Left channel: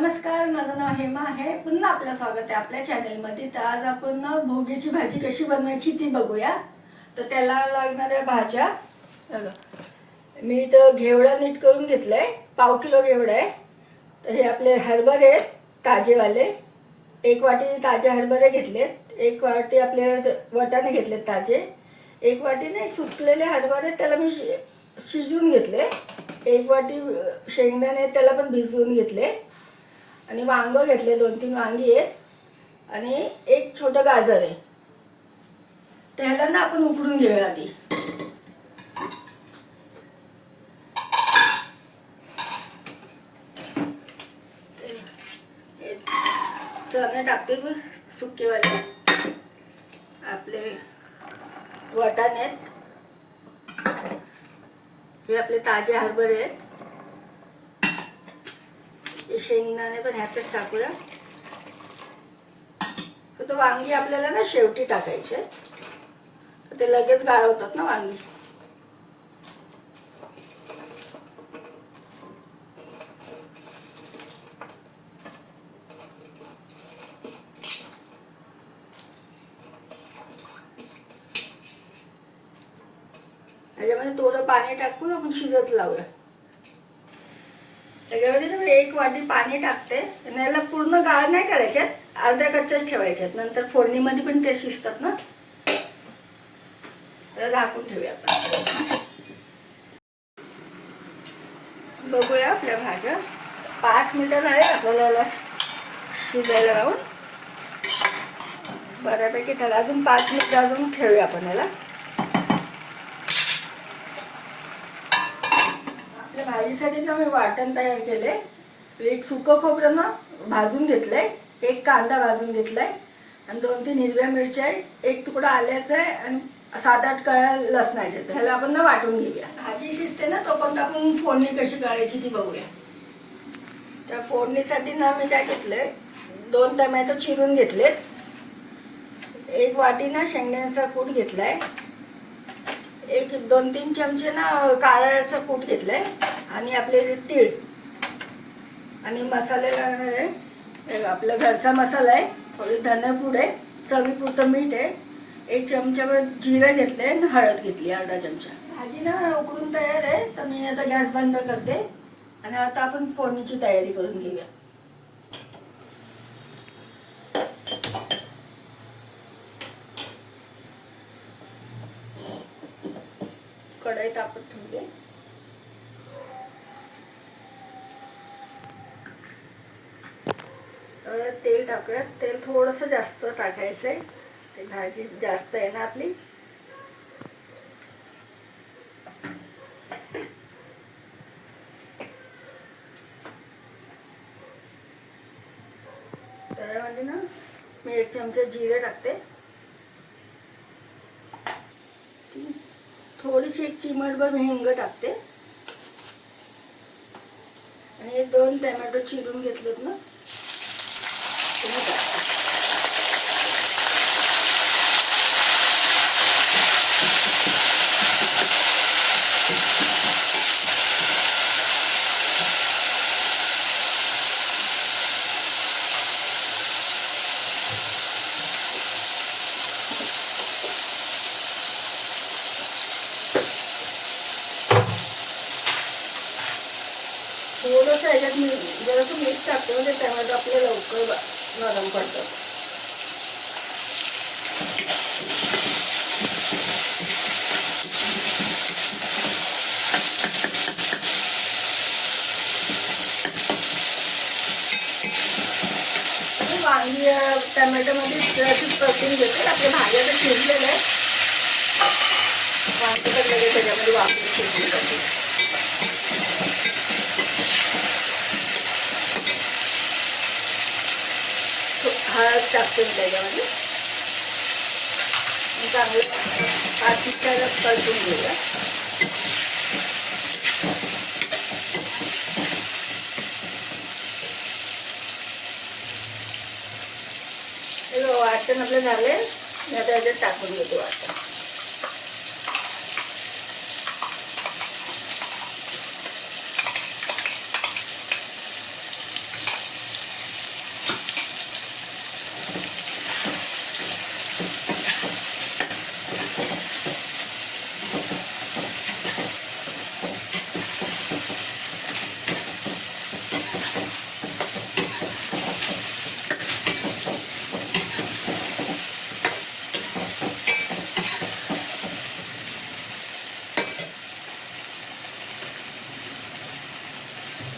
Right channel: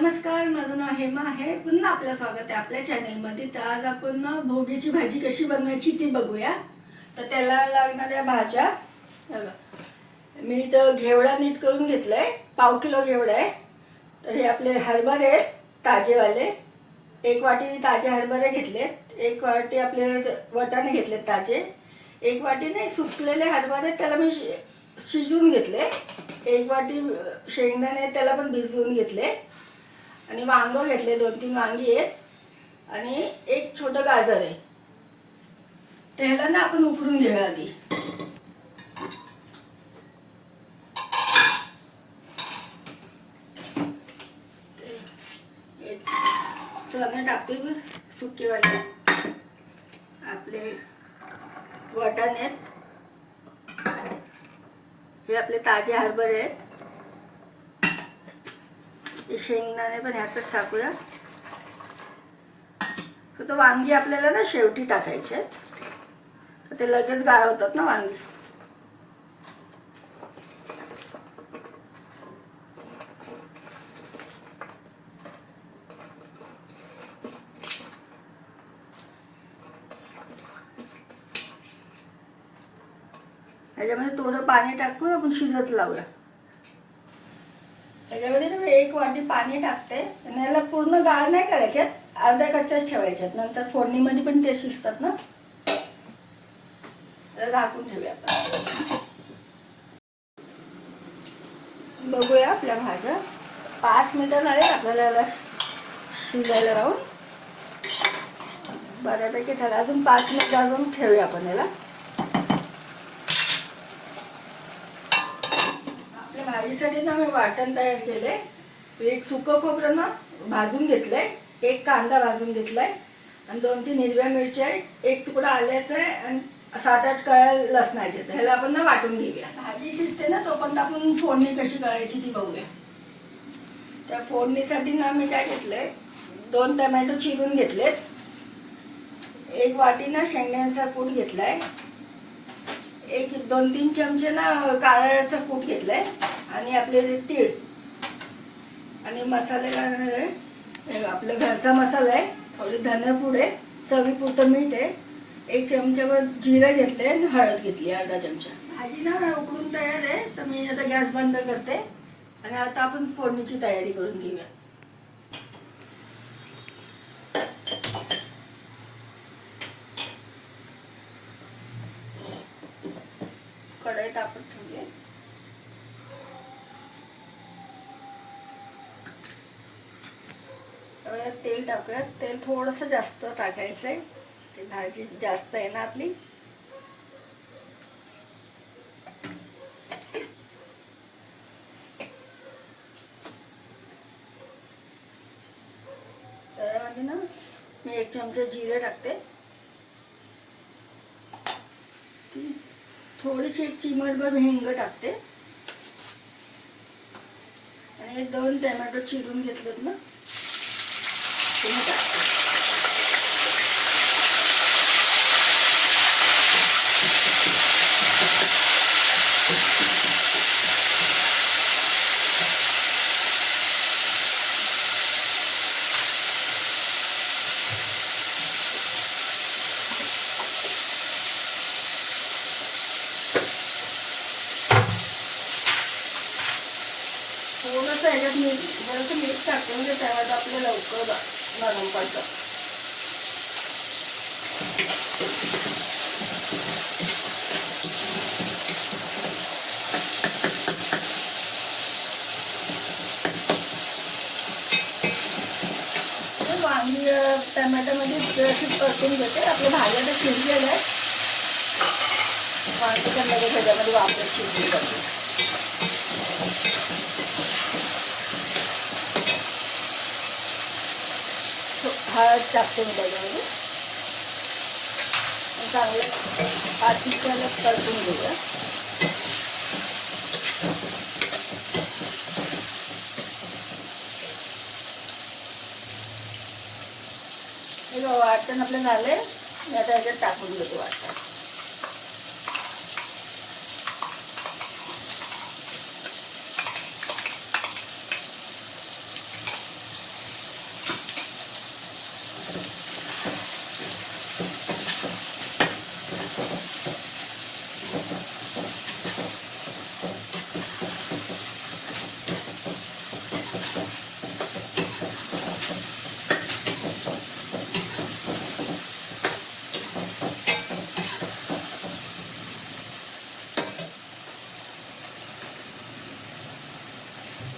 नमस्कार माझं नाव हेमा आहे. पुन्हा आपलं स्वागत आहे आपल्या चॅनेलमध्ये तर आज आपण भोगीची भाजी कशी बनवायची ती बघूया. तर त्याला लागणाऱ्या भाज्या बघा. मी तर घेवडा नीट करून घेतलाय. पाव किलो घेवडा आहे. तर हे आपले हरभरे आहेत ताजेवाले. एक वाटी ताजे हरभरे घेतलेत. एक वाटी आपले वटाणे घेतलेत ताजे. एक वाटीने सुकलेले हरभरे त्याला मी शि- शिजवून घेतले. एक वाटी शेंगदाणे त्याला पण भिजवून घेतले. आणि वांग घेतले दोन तीन वांगी आहेत. आणि एक छोटं गाजर आहे. त्याला ना आपण उकडून घेऊया आधी. चणे टाकते मी सुकेवाले आपले वाटाणे आहेत. हे आपले ताजे हरभरे आहेत. शेंगदाणे पण ह्यातच टाकूया. तर तो वांगी आपल्याला ना शेवटी टाकायचे तर ते लगेच गाळवतात ना वांगी. ह्याच्यामध्ये थोडं पाणी टाकून आपण शिजत लावूया. त्याच्यामध्ये मी एक वाटी पाणी टाकते. आणि याला पूर्ण गाळ नाही करायच्यात अर्ध्या कच्च्याच ठेवायच्यात नंतर फोडणीमध्ये पण ते शिजतात ना. तर झाकून ठेवूया आपण. बघूया आपल्या भाज्या. पाच मिनिटं झाले आपल्याला याला शिजायला राहून बऱ्यापैकी झालं. अजून पाच मिनिटं अजून ठेवूया आपण याला आपल्या भाजीसाठी ना मी वाटण तयार केले एक सुकं खोबरं ना भाजून घेतलंय एक कांदा भाजून घेतलाय आणि दोन तीन हिरव्या मिरच्या आहे एक तुकडा आल्याचा आहे आणि सात आठ कळ्या लसणाचे ह्याला आपण ना वाटून घेऊया. भाजी शिजते ना तोपर्यंत आपण फोडणी कशी करायची ती बघूया. त्या फोडणीसाठी ना मी काय घेतलंय दोन टमॅटो चिरून घेतलेत. एक वाटी ना शेंगदाण्याचा कूट घेतलाय. एक दोन तीन चमचे ना काळ्याचा कूट घेतलाय. आणि आपले तीळ आणि मसाले लागणार आहे. आपला घरचा मसाला आहे. थोडी धनेपूड आहे. चवीपुरतं मीठ आहे. एक चमच्यावर जिरं घेतले आणि हळद घेतली अर्धा चमचा. भाजी ना उकडून तयार आहे. तर मी आता गॅस बंद करते. आणि आता आपण फोडणीची तयारी करून घेऊया. कढई तापत ठेवली आता तेल टाकूया तेल थोडस जास्त टाकायचंय. ते भाजी जास्त आहे ना आपली. त्यामध्ये ना मी एक चमचा जिरे टाकते. थोडीशी एक चिमटभर हिंग टाकते. आणि हे दोन टॅमॅटो चिरून घेतलेत ना. ते मी टाकते थोडंसं ह्याच्यात मी जरासं मीठ टाकतो म्हणजे टमॅटो आपलं लवकर नरम पडतं. वांगी टमॅटोमध्ये जराशी परतून घेते. आपल्या भाज्या तर शिजलेल्या आहेत वांगी पण लगेच त्याच्यामध्ये वापर शिजली जाते हळद टाकते मी त्याच्यामध्ये. चांगलं हा मिनिटाला परतून घेऊया. वाटण आपलं झालंय. मी आता याच्यात टाकून घेतो वाटण.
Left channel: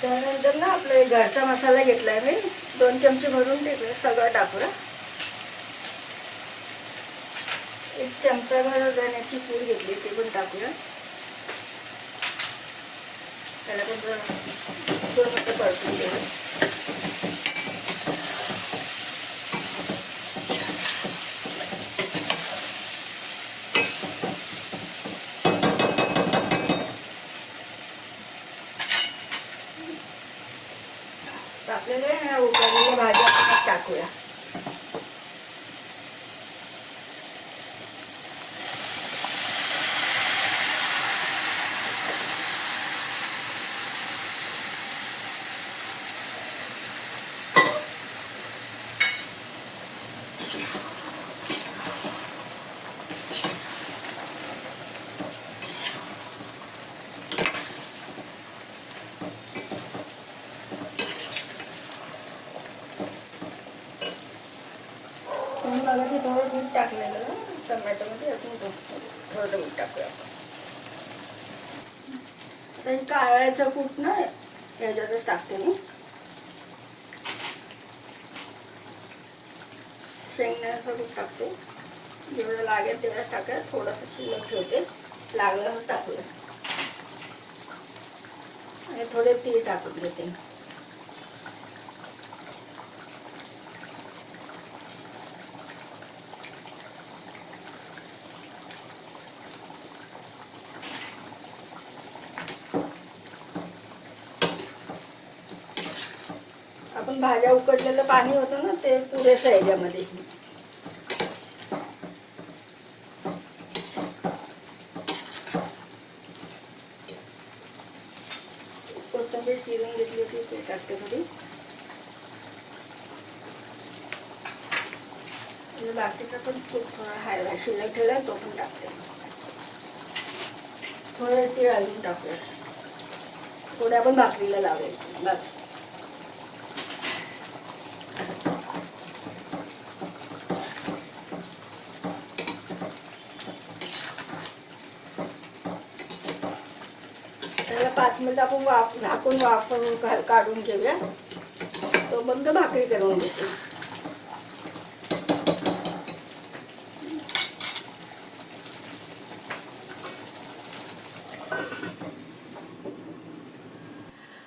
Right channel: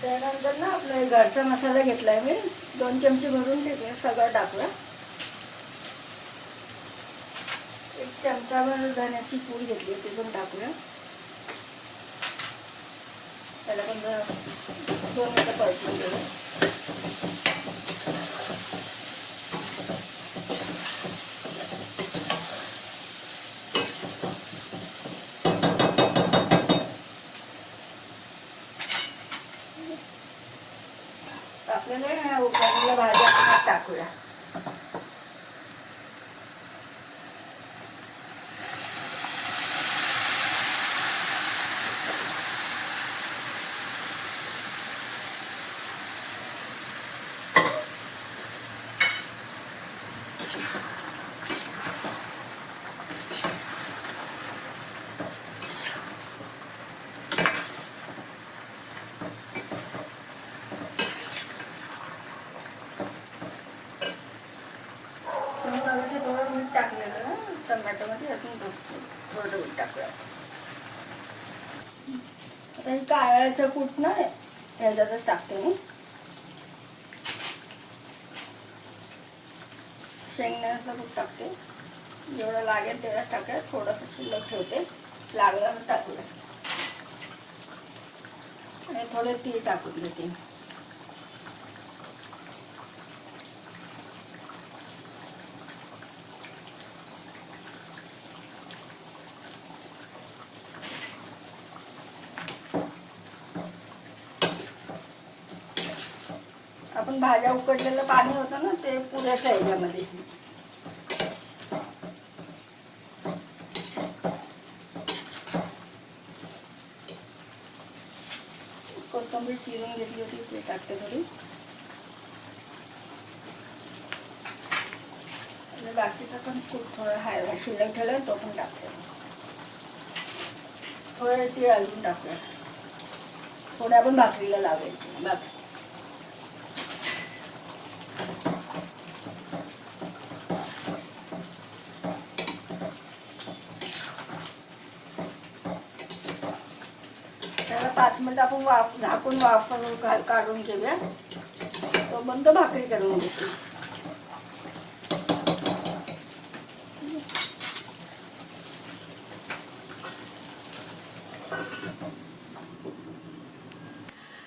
त्यानंतर ना आपला घरचा मसाला घेतला आहे मी. दोन चमचे भरून ठेवले सगळं टाकूया एक चमचाभर धण्याची पूड घेतली ती पण टाकूया त्याला पण दोन मिनटं परतून घेऊ आपल्याला उकडलेल्या भाज्या आपण टाकूया तुम्ही मगाशी थोडं मीठ टाकलेलं ना टमॅटोमध्ये अजून थोडं थोडं मीठ टाकूया आता हे काळ्याचं कूट ना ह्याच्यातच टाकते मी. शेंगण्याचं कूट टाकते. जेवढं लागेल तेवढं टाकाय. थोडंसं शिल्लक ठेवते. लागलं तर टाकूया. आणि थोडे तीळ टाकून देते आपण भाज्या उकडलेलं पाणी होतं ना ते पुरेसं आहे याच्यामध्ये कोथंबीर चिरून घेतली होती ते टाकते घरी बाकीचा पण खूप हाय शिल्लक ठेवलाय तो पण टाकते. थोडं तीळ अजून टाकूया. थोडं आपण भाकरीला लावायचं भाकरी त्याला पाच मिनिट आपण वाफ झाकून वाफ काढून घेऊया. तो बंद भाकरी करून घेते.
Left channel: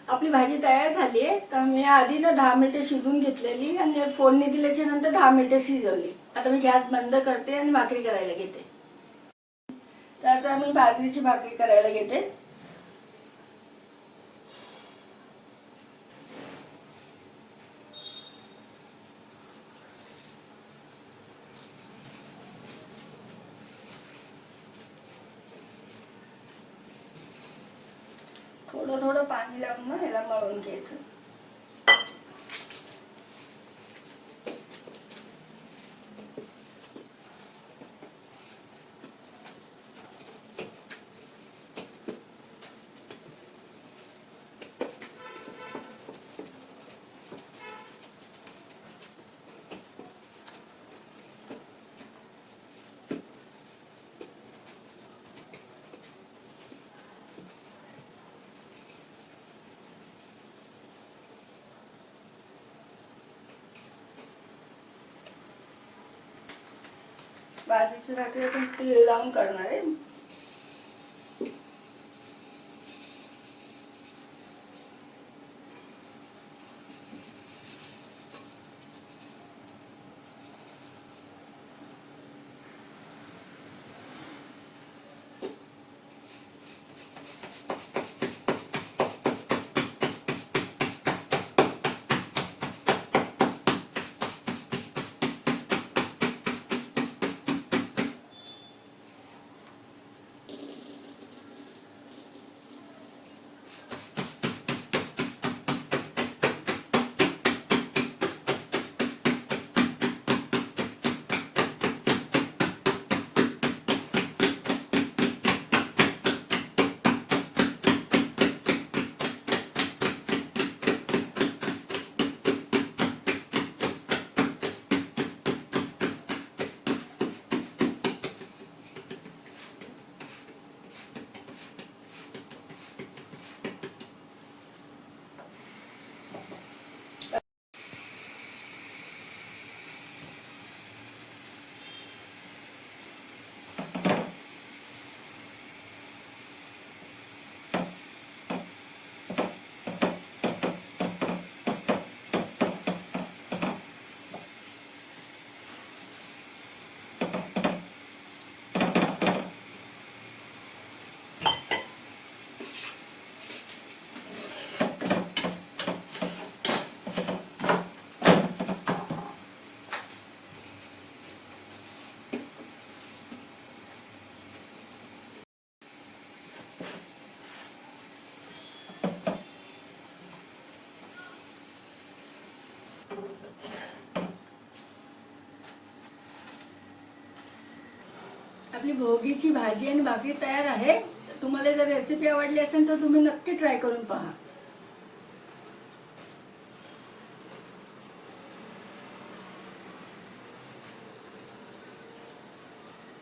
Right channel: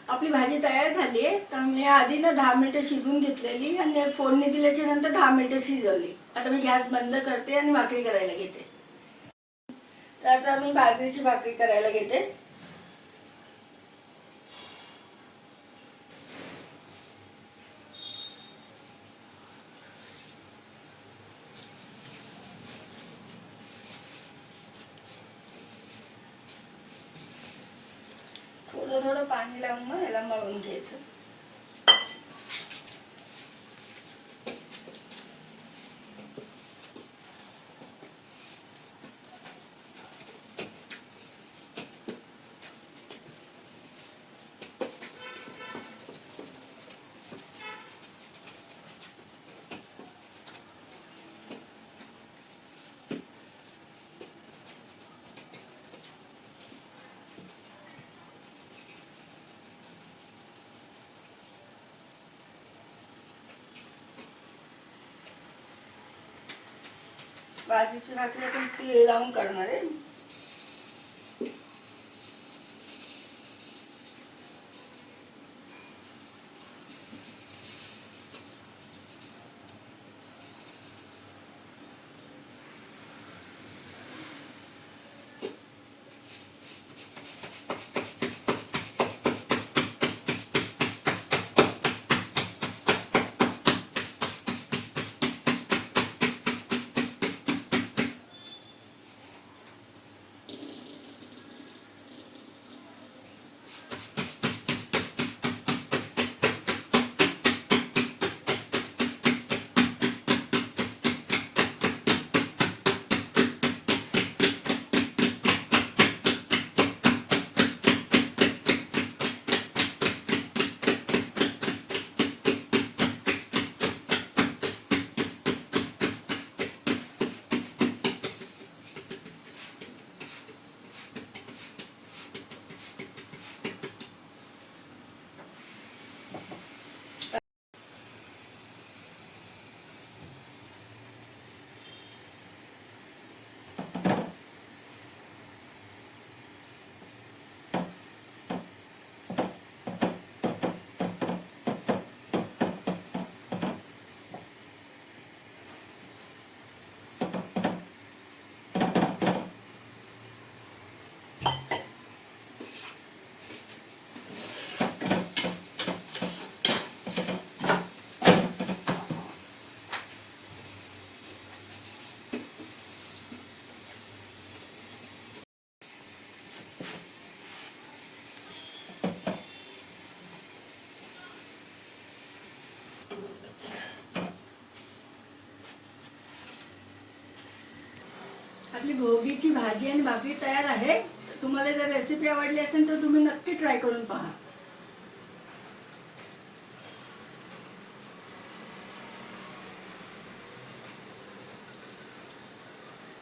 आपली भाजी तयार झाली आहे. तर मी आधी ना दहा मिनिटं शिजून घेतलेली आणि फोडणी दिल्याच्या नंतर दहा मिनिटं शिजवली. आता मी गॅस बंद करते आणि भाकरी करायला घेते. तर आता मी बाजरीची भाकरी करायला घेते थोडं थोडं पाणी लावून मग ह्याला मळून घ्यायचं. बाजरीची भाकरी आपण तेल लावून करणार आहे. आपली भोगीची भाजी आणि भाकरी तयार आहे. तुम्हाला जर रेसिपी आवडली असेल तर तुम्ही नक्की ट्राय करून पहा.